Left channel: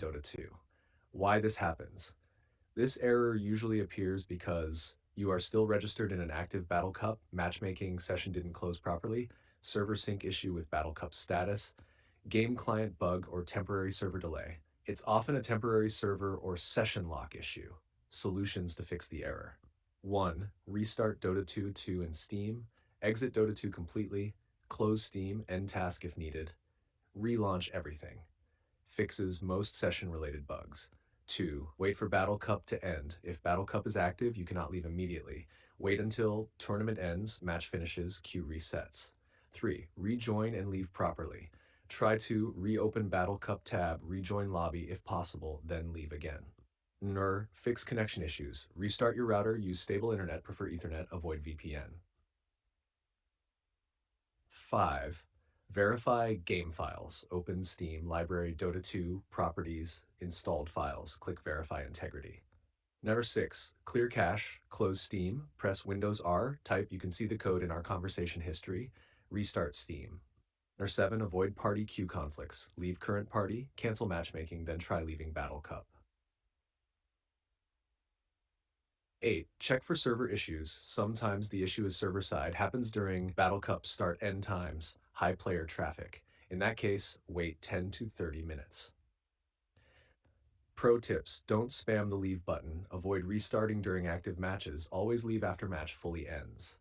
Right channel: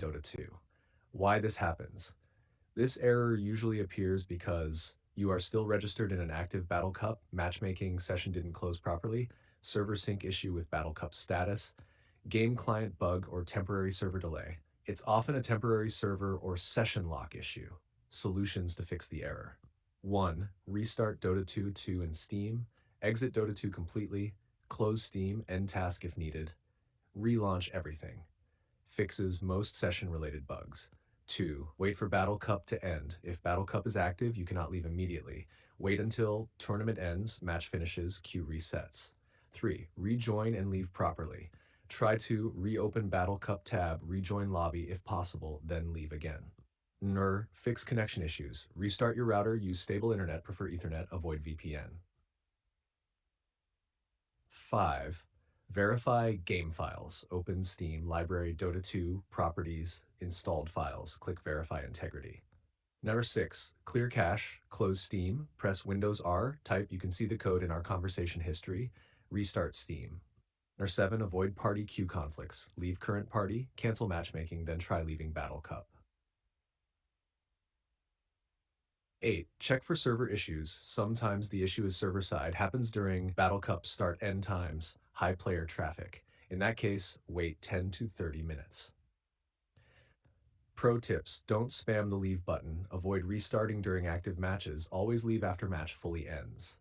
Dota 2. Why this happens. This error usually appears because you are still registered in an active Battle Cup, matchmaking session didn't close properly, server sync issue with Battle Cup status, game client bug or temporary server delay. It's often a temporary server or session lock issue. Solutions to fix the error. 1. Restart Dota 2 in Steam, exit Dota 2 completely, close Steam, end task if needed, relaunch everything. Fixes most session-related bugs. 2. Wait for Battle Cup to end. If Battle Cup is active, you cannot leave immediately. Wait until tournament ends, match finishes, queue resets. 3. Rejoin and leave properly. Try to reopen Battle Cup tab, rejoin lobby if possible, then leave again. Fix connection issues. Restart your router, use stable internet, prefer Ethernet, avoid VPN. 5. Verify game files. Open Steam, library, Dota 2, properties, installed files. Click Verify Integrity. Number 6. Clear cache. Close Steam. Press Windows R. Type. You can see the code in our conversation history. Restart Steam. Number 7. Avoid party queue conflicts. Leave current party. Cancel matchmaking. Then try leaving Battle Cup. 8. Check for server issues. Sometimes the issue is server side, happens during Battle Cup start end times, high player traffic. In that case, wait 10 to 30 minutes. Pro tips, don't spam the leave button. Avoid restarting during active matches. Always leave after match fully ends.